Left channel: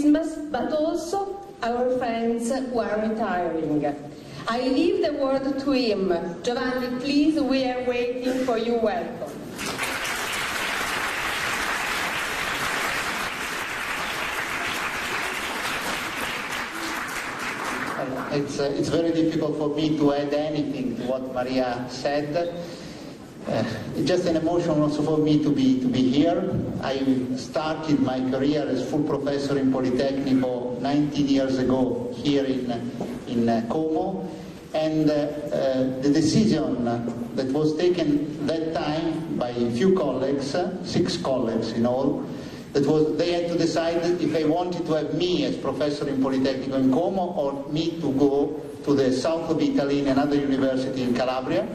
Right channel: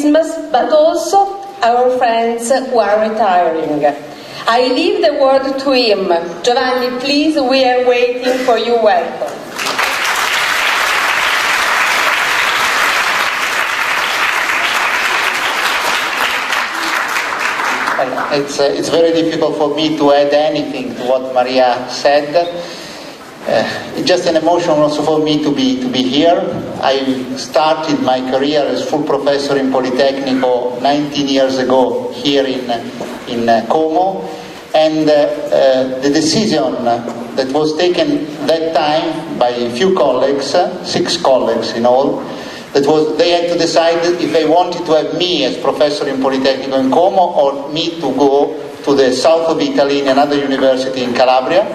Christmas, but also our friends who are retiring. I leave the word to him. Giovanni, please, we are waiting for you. Welcome. It's very difficult for me to add anything to what Maria said. It's just an emotion also for me to be here. I started my career as full professor in Politecnico 19 years ago here in Como, and the decision that was taken that time by a few colleagues, 6 colleagues in all, they had to decide if they wanted to have me as professor in Politecnico in Como or me to go to the south of Italy in another university in Calabria.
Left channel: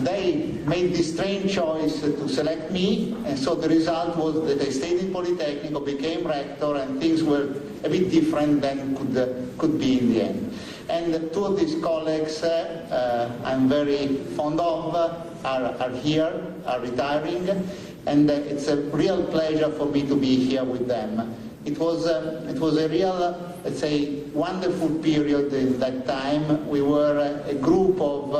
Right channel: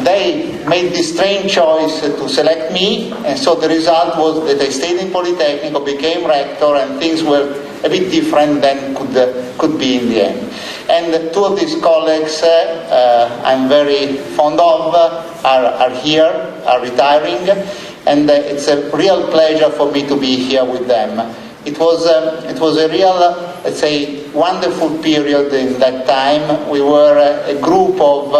They made this strange choice to select me, and so the result was that I stayed in Politecnico, became rector, and things were a bit different than could be in the end. And 2 of these colleagues I'm very fond of are here, are retiring, and it's a real pleasure for me to be here with them. It was a real, let's say, wonderful period in that time. We were a group of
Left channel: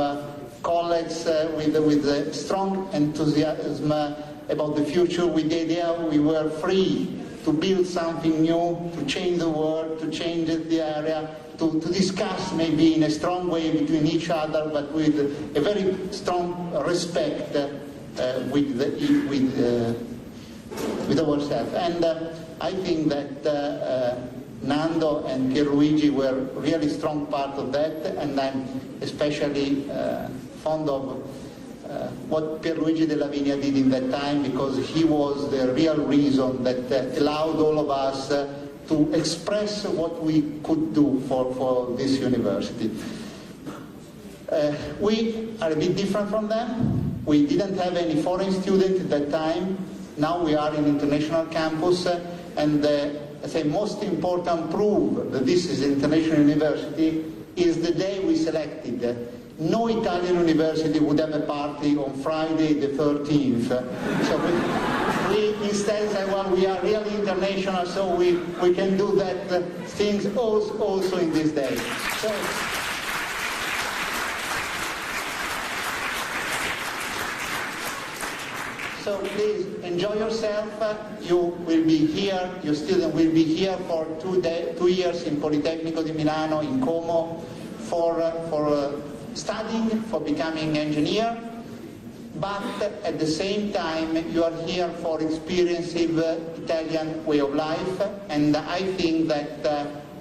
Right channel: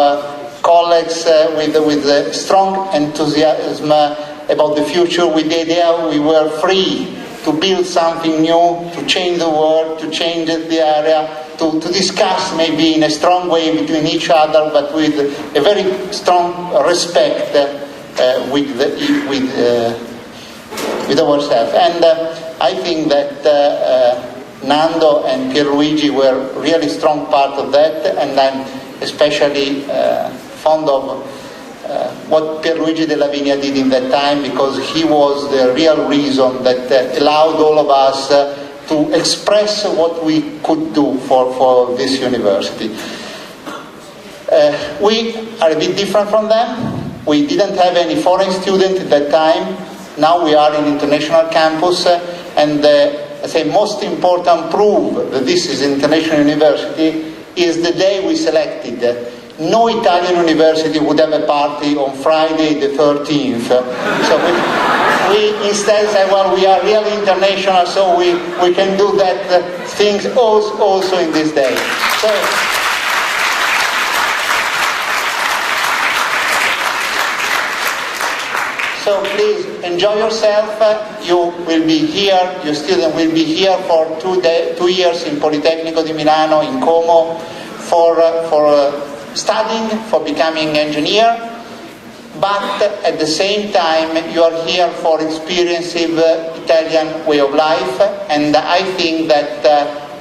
colleagues with strong enthusiasm about the future, with the idea we were free to build something new, to change the world, to change the area, to discuss maybe in a strong way between each other, but with a very strong respect with ourselves. And I think that Nando and Pierluigi were really strong part of that, and I'm especially fond of what Pierluigi Della Vigna did in that time, because he was the real reason that allowed all of us to express what we could do for this university. We are a bit different from them. We didn't have any foreign student at that time. Now we are in international campus, and I say most important proof that this is an international university is the day we selected. No Italian university would have a party on Friday the 13th. So we instead said, well, we are really international, so we can do that things also in this day. So please enjoy yourself. You will be here, your student will be here for 2 years in Politecnico di Milano, in Como, for studying, for becoming engineer. But at the same time, you are here for experiencing the Italian way of life. And I think that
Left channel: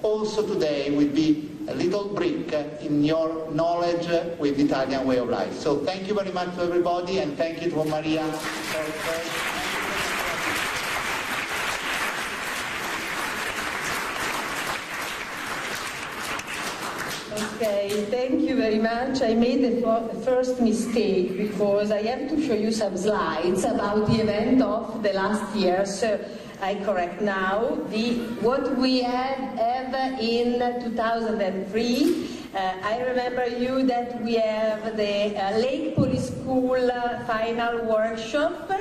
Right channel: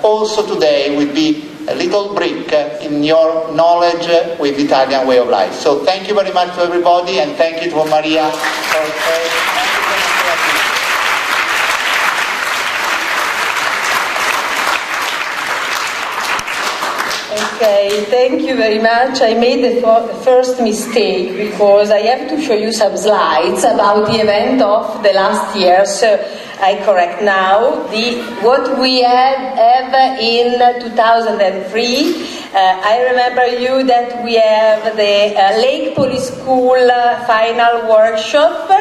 also today will be a little brick in your knowledge with the Italian way of life. So thank you very much to everybody, and thank you to Maria Okay, thank you very much. I made the first mistake because I have to show you some slides about the event of the last year. So I correct now. What we have in 2003, I remember you that we have the Lake Poly School final workshop.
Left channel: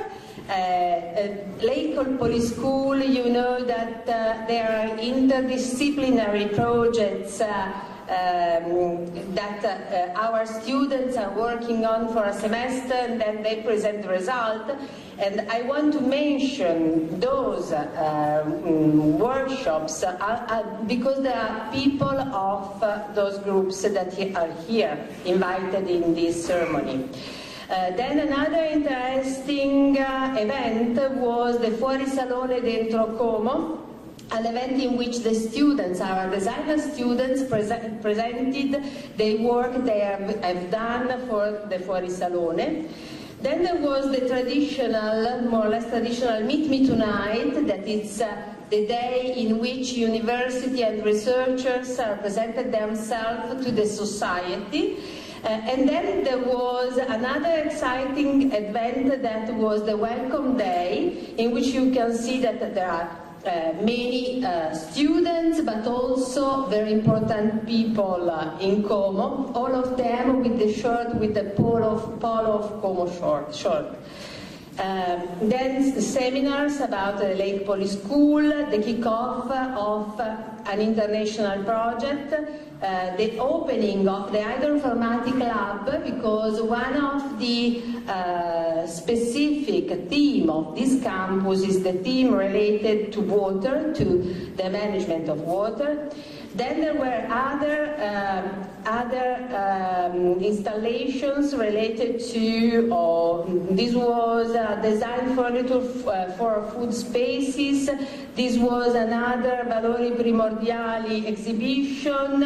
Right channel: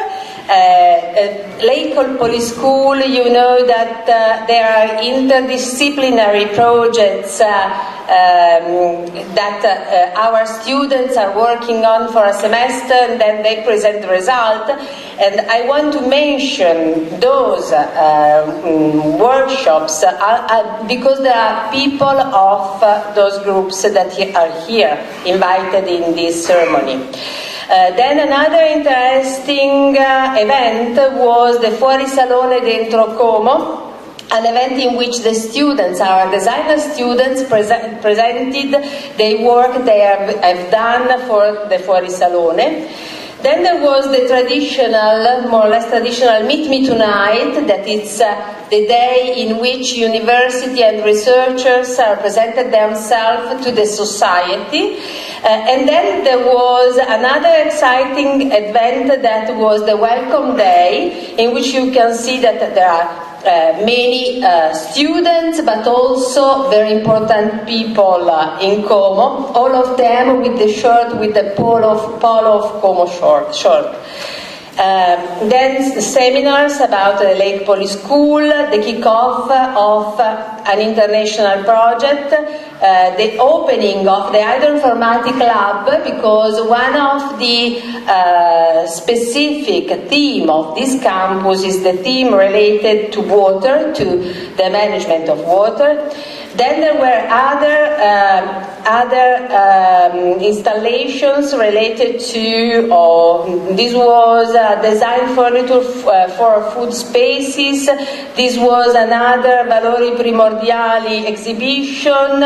Lake Poly School, you know that there are interdisciplinary projects that our students are working on for a semester, and then they present the result. And I want to mention those workshops because there are people of those groups that are here invited in this ceremony. Then another interesting event was the Fuori Salone Dentro Como, an event in which the students, our designer students, presented the work they have done for the Fuori Salone. Then there was the traditional, more or less traditional Meet Me Tonight, that is the day in which university and researchers presented themselves to the society. And then there was another exciting event that was the Welcome Day, in which you can see that there are many students, but also very important people in Como, all of them with the shirt with the Polo of Como shirt. Then seminars about the Lake Poly School, the kick-off of an international project, the opening of the Hydroinformatic Lab, because one of the specific theme of this campus is the theme related to water, to the management of water. Then there were other installations related to, this was design furniture for food spaces, this was another Valori Primordiali exhibition,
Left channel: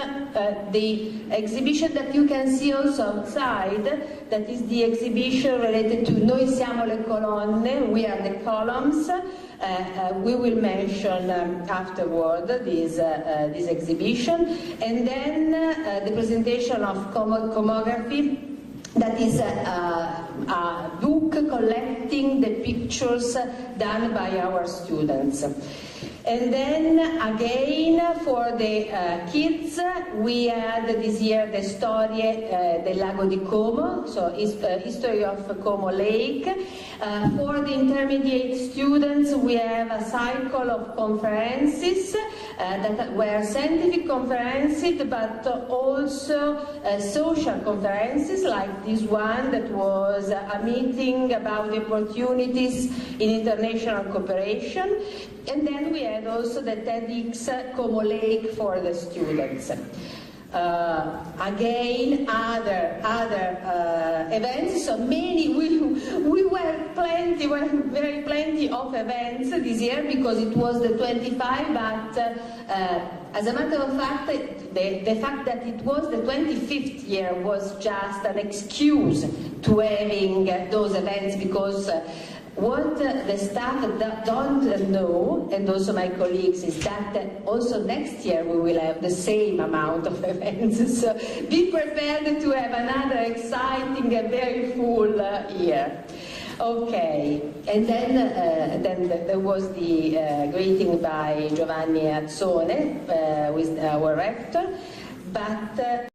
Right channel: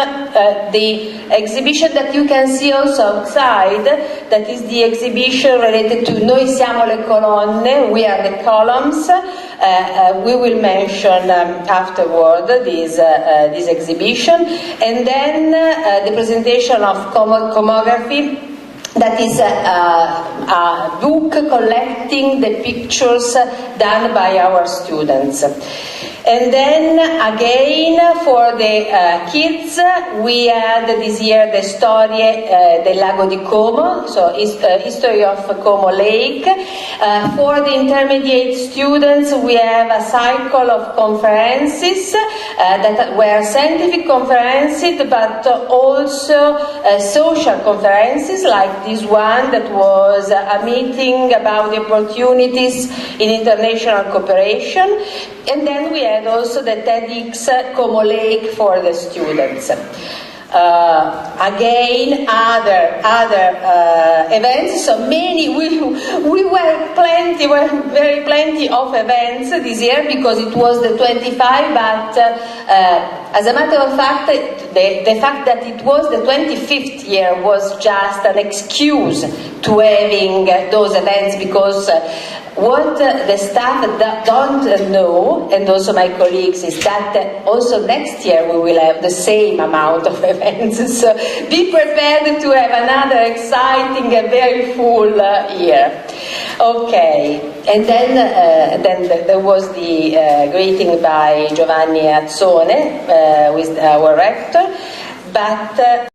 the exhibition that you can see also outside, that is the exhibition related to Noi siamo le colonne, we are the columns. We will mention afterward this exhibition, and then the presentation of Comography, that is a book collecting the pictures done by our students. And then again for the kids, we had this year the Storie del Lago di Como, so history of Como Lake. For the intermediate students, we have a cycle of conferences that were scientific conferences, but also social conferences, like this one that was a meeting about the opportunities in international cooperation. And then we had also the TEDx Como Lake for the students. Again, other events. So many, we were plenty of events this year because it was the 25. But as a matter of fact, the fact that it was the 25th year was just an excuse to having those events, because what the staff don't know, and also my colleagues, is that also next year we will have the same amount of events. So be prepared to have another exciting and very full year. Okay, and then there was the greeting by Giovanni Azzone, with our rector, but